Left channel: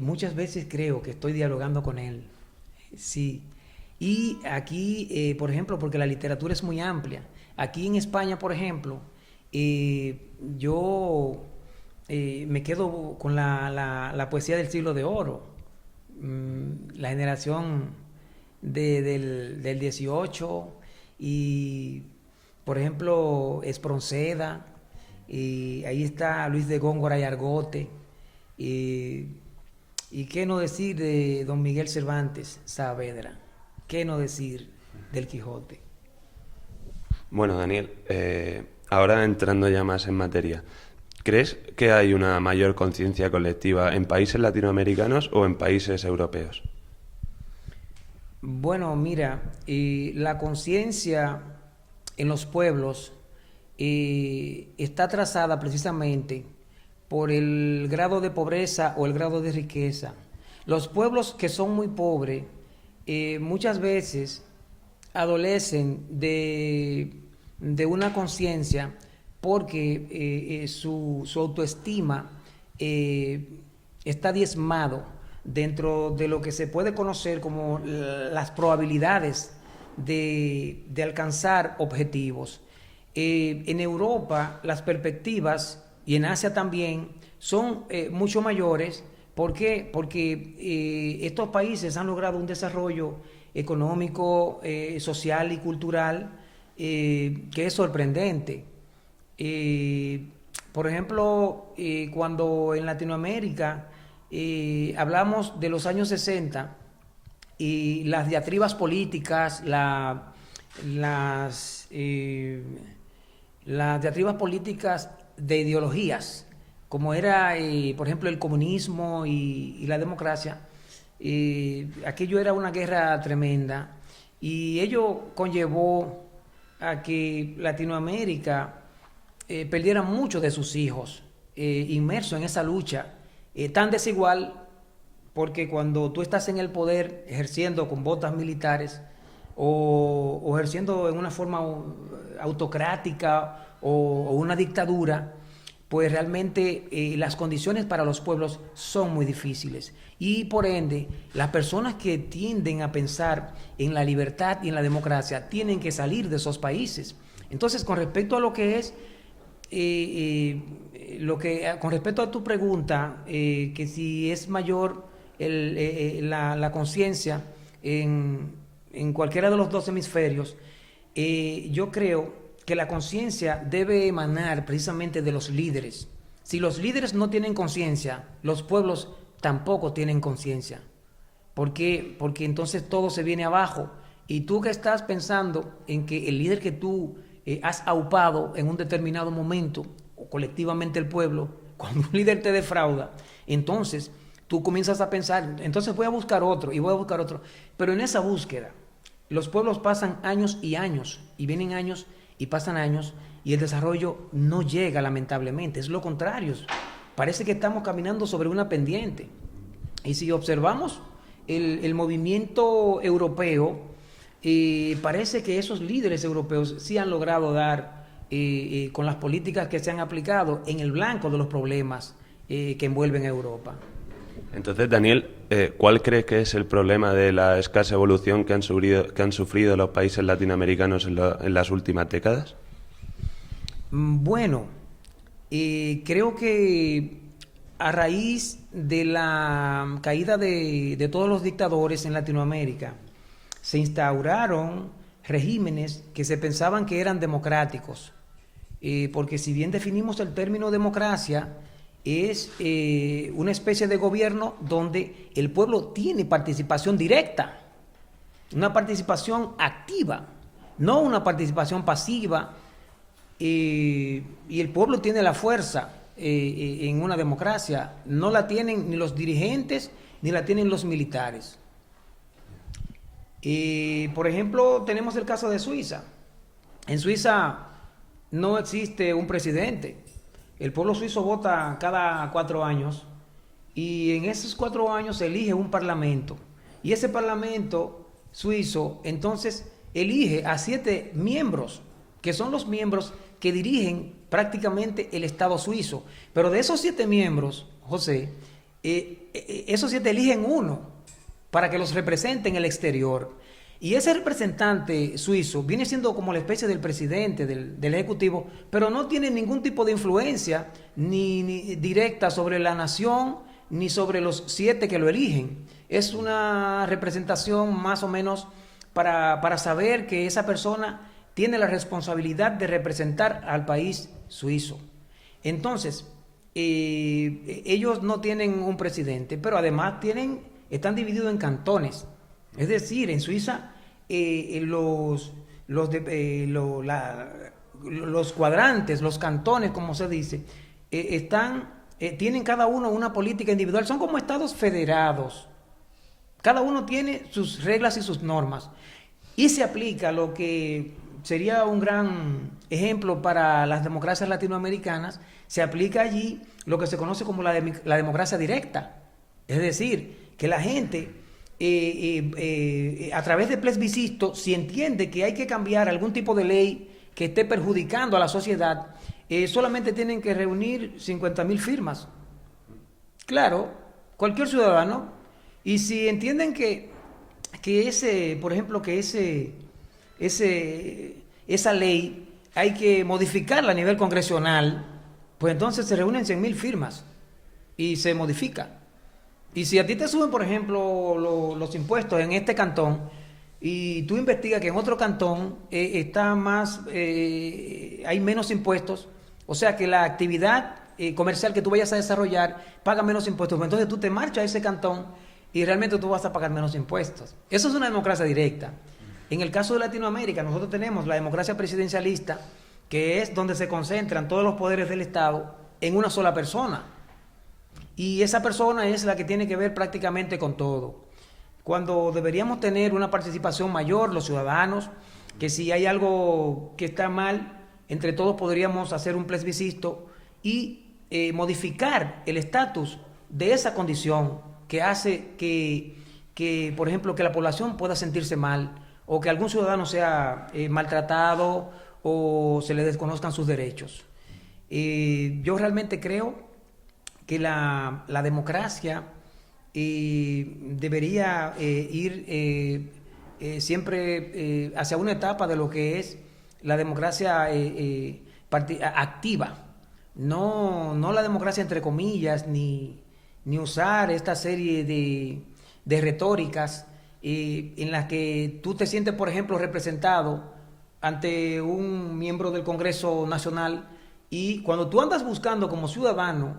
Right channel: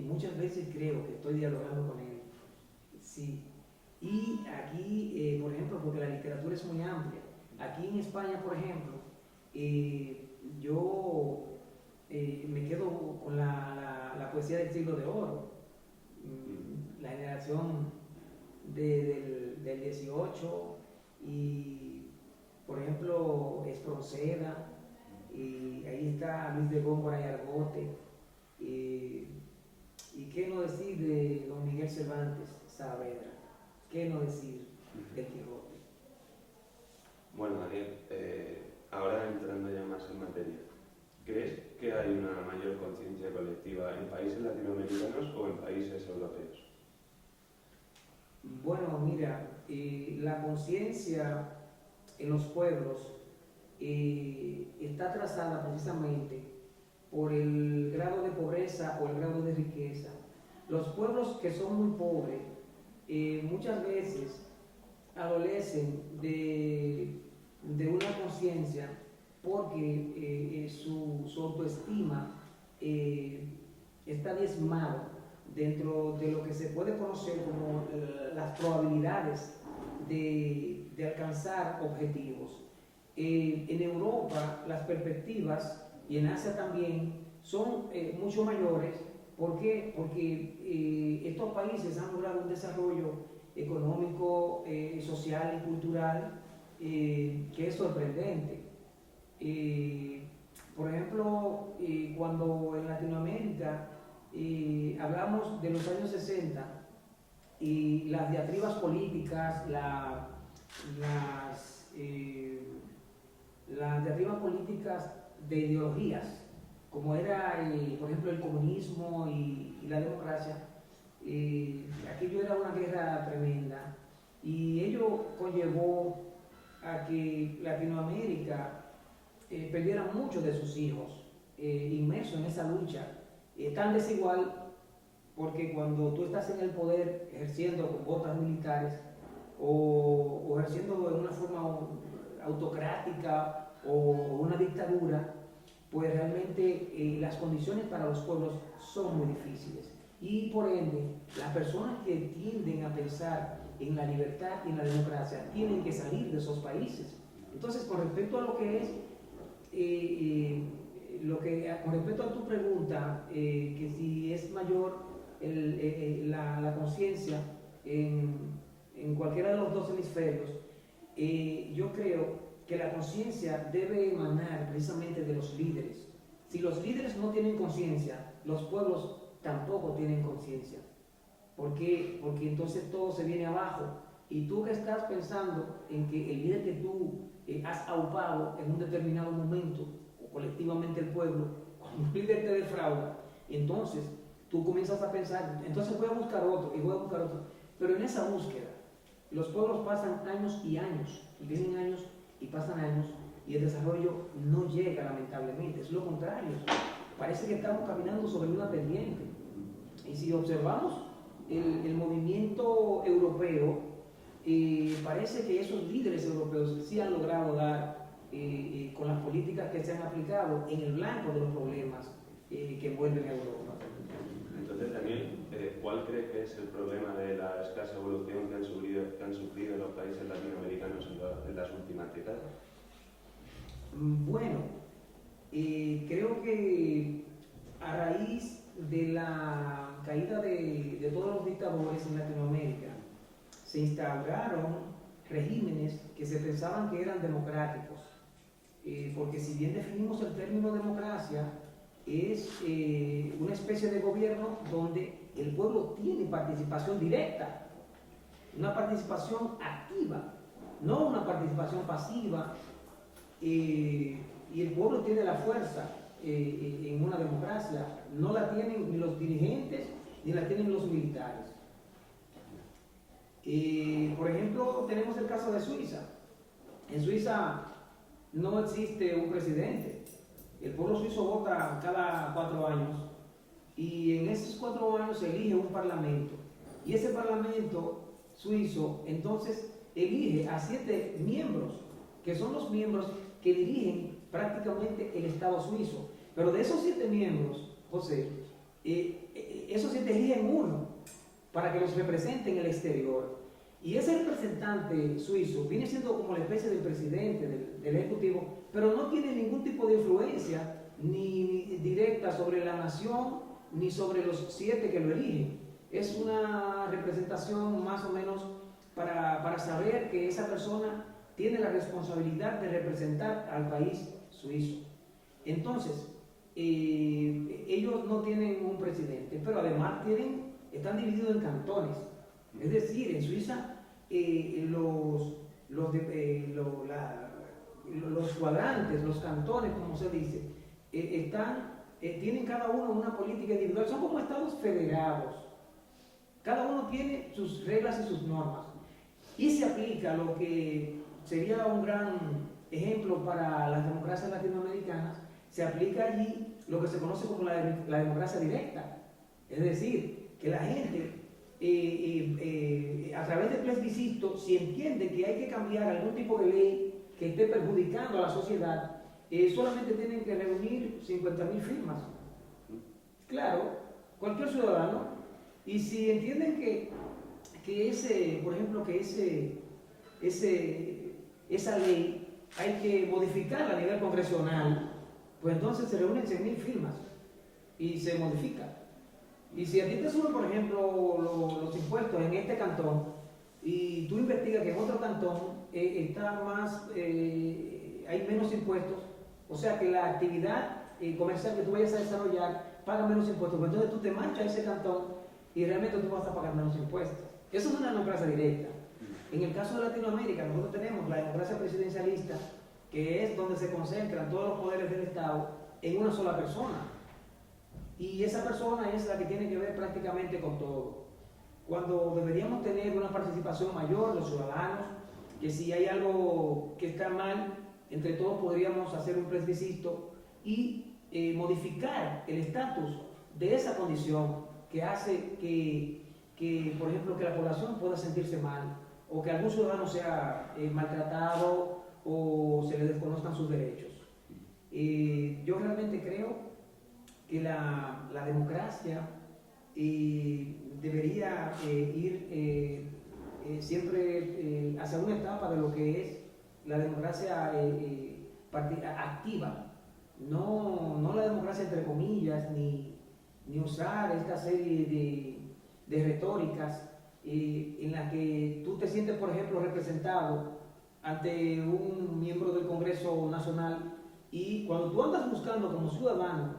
muchas veces creo que estoy dialogando con él. Sí. Y aquí, por ejemplo, porque la literatura es muy amplia. Aquí en España, por ejemplo, yo me quedo con la poesía del siglo de oro. La generación del 18 y, por ejemplo, Espronceda, y ahí está Luis de Góngora y Argote. Y, y qué no decir de don Miguel Cervantes Saavedra, qué no decir del Quijote. Bueno, Daniel, ahora entrando ya más en materia, ¿crees que hay una mayor conciencia colectiva en países latinoamericanos o en países europeos? Bueno, mira, la conciencia en los pueblos está trazada precisamente por el grado de pobreza o el grado de riqueza. Los pueblos que son muy pobres muchas veces adolecen de una conciencia porque su autoestima eh, está diezmado dentro de lo que se puede conocer como las probabilidades de alcanzar objetivos. En Europa las perspectivas y en Asia también son mucho mayores. ¿Por qué? Porque estos países han logrado un desarrollo económico, social y cultural que es sorprendente. Eh, por ejemplo, cuando en Latinoamérica hablamos de los años 60 y las diatribas políticas, las, eh, las diatribas políticas de ideologías, como era, por ejemplo, el comunismo y la democracia, aquello era una guerra tremenda y ello conllevó a que Latinoamérica perdiera muchos de sus hijos inmersos en esa lucha tan desigual, porque cuando tú estás en el poder ejerciendo con botas militares o ejerciendo en una forma autocrática o una dictadura, pues realmente las condiciones para los pueblos son muy difíciles. Y por ende, las personas que tienden a pensar en la libertad y en la democracia tienen que salir de esos países. Entonces, con respecto a lo que es, con respecto a tu pregunta, que si es mayor la conciencia en cualquiera de los dos hemisferios, yo creo que la conciencia debe emanar precisamente de los líderes. Si los líderes no tienen conciencia, los pueblos tampoco tienen conciencia. ¿Por qué? Porque entonces todo se viene abajo. Y tú que estás pensando en que el líder que tú has aupado en un determinado momento, o colectivamente el pueblo, cuando un líder te defrauda, entonces tú comienzas a pensar, entonces voy a buscar otro y voy a buscar otro. Pero en esa búsqueda, los pueblos pasan años y vienen años y pasan años y el desarrollo no llega lamentablemente, es lo contrario. Parece que estamos caminando sobre una pendiente. Y si observamos el movimiento europeo, parece que esos líderes europeos sí han logrado dar, con las políticas que se han aplicado, en el blanco de los problemas que envuelven a Europa. Entonces, Daniel, ¿cuál crees que es el problema de la escasa evolución que han sufrido los países latinoamericanos en las últimas décadas? Bueno, creo que a raíz de la caída de todos los dictadores en Latinoamérica, se instauraron regímenes que se pensaban que eran democráticos, porque si bien definimos el término democracia, es una especie de gobierno donde el pueblo tiene participación directa, una participación activa, no una participación pasiva, y el pueblo tiene la fuerza en una democracia, no la tienen ni los dirigentes ni la tienen los militares. Por ejemplo, tenemos el caso de Suiza. En Suiza no existe un presidente. El pueblo suizo vota cada 4 años y en esos 4 años se elige un parlamento. Y ese parlamento suizo entonces elige a 7 miembros, que son los miembros que dirigen prácticamente el Estado suizo. Pero de esos 7 miembros, José, esos 7 eligen uno para que los represente en el exterior. Y ese representante suizo viene siendo como la especie del presidente, del ejecutivo, pero no tiene ningún tipo de influencia ni directa sobre la nación, ni sobre los 7 que lo eligen. Es una representación más o menos para saber que esa persona tiene la responsabilidad de representar al país suizo. Entonces, ellos no tienen un presidente, pero además están divididos en cantones. Es decir, en Suiza los cuadrantes, los cantones, como se dice, tienen cada uno una política individual. Son como estados federados. Cada uno tiene sus reglas y sus normas. Y se aplica lo que sería un gran ejemplo para las democracias latinoamericanas. Se aplica allí lo que se conoce como la democracia directa. Es decir, que la gente, a través de plebiscito, si entiende que hay que cambiar algún tipo de ley que esté perjudicando a la sociedad, solamente tienen que reunir 50.000 firmas. Claro, cualquier ciudadano. Y si entienden que por ejemplo, esa ley hay que modificarla a nivel congresional, pues entonces se reúnen 100.000 firmas y se modifica. Y si a ti te suben, por ejemplo, los impuestos en este cantón y tú investigas que en otro cantón hay menos impuestos, o sea que la actividad comercial que tú vayas a desarrollar paga menos impuestos, pues entonces tú te marchas a ese cantón y realmente tú vas a pagar menos impuestos. Eso es una democracia directa. En el caso de Latinoamérica, nosotros tenemos la democracia presidencialista, que es donde se concentran todos los poderes del Estado en una sola persona. Y esa persona es la que tiene que ver prácticamente con todo. Cuando deberíamos tener una participación mayor, los ciudadanos, que si hay algo que está mal, entre todos podríamos hacer un plebiscito y modificar el estatus de esa condición que hace que, por ejemplo, que la población pueda sentirse mal o que algún ciudadano sea maltratado o se le desconozcan sus derechos. Yo realmente creo que la democracia debería ir siempre hacia una etapa de lo que es la democracia activa, no la democracia entre comillas, ni usar esta serie de retóricas en las que tú te sientes, por ejemplo, representado ante un miembro del Congreso Nacional y cuando tú andas buscando como ciudadano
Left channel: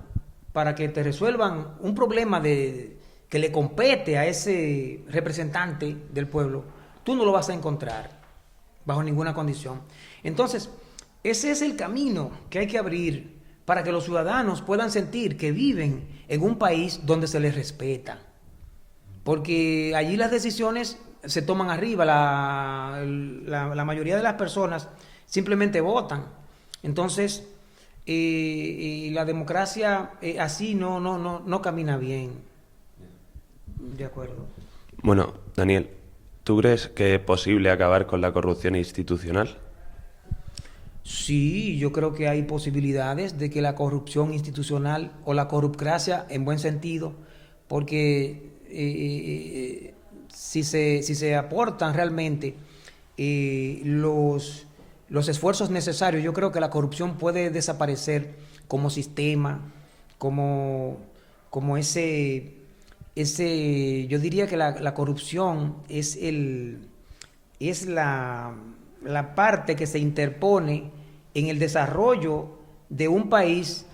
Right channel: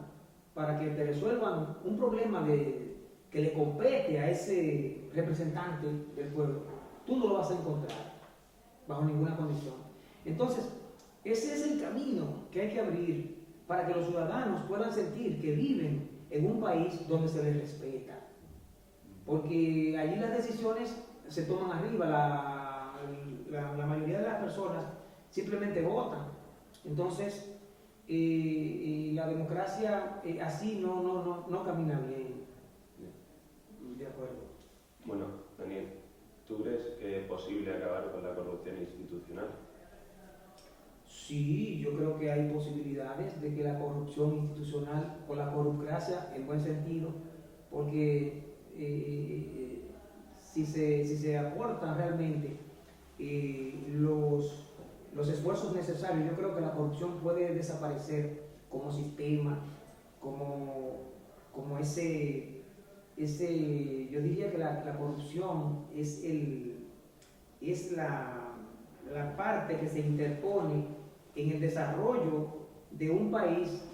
para que te resuelvan un problema que le compete a ese representante del pueblo, tú no lo vas a encontrar bajo ninguna condición. Entonces, ese es el camino que hay que abrir para que los ciudadanos puedan sentir que viven en un país donde se les respeta. Porque allí las decisiones se toman arriba, la mayoría de las personas simplemente votan. Entonces, la democracia así no camina bien. De acuerdo. Bueno, Daniel, ¿tú crees que es posible acabar con la corrupción institucional? Sí, yo creo que hay posibilidades de que la corrupción institucional o la corruptocracia en buen sentido, porque si se aportan realmente los esfuerzos necesarios, yo creo que la corrupción puede desaparecer como sistema, como yo diría que la corrupción es la parte que se interpone en el desarrollo de un país,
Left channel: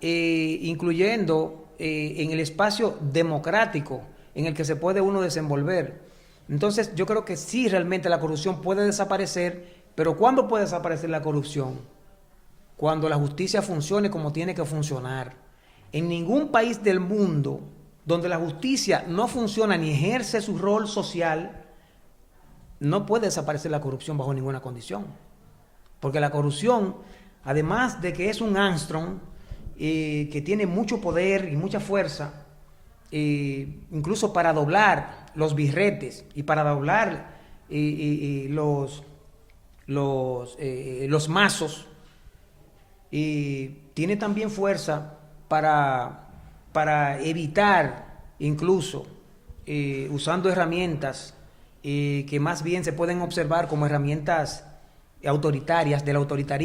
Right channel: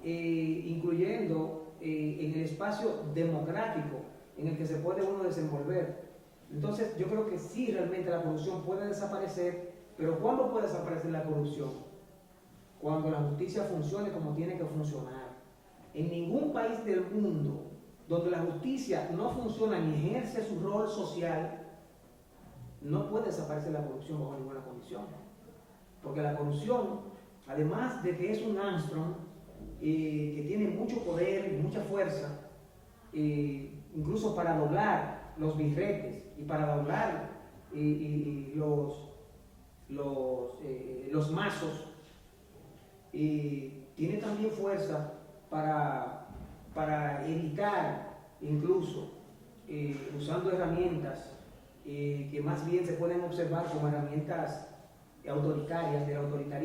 incluyendo en el espacio democrático en el que se puede uno desenvolver. Entonces yo creo que sí, realmente la corrupción puede desaparecer, pero ¿cuándo puede desaparecer la corrupción? Cuando la justicia funcione como tiene que funcionar. En ningún país del mundo donde la justicia no funciona ni ejerce su rol social, no puede desaparecer la corrupción bajo ninguna condición. Porque la corrupción, además de que es un Armstrong que tiene mucho poder y mucha fuerza, incluso para doblar los birretes y para doblar los mazos, tiene también fuerza para evitar incluso usando herramientas que más bien se pueden observar como herramientas autoritarias del autoritarismo.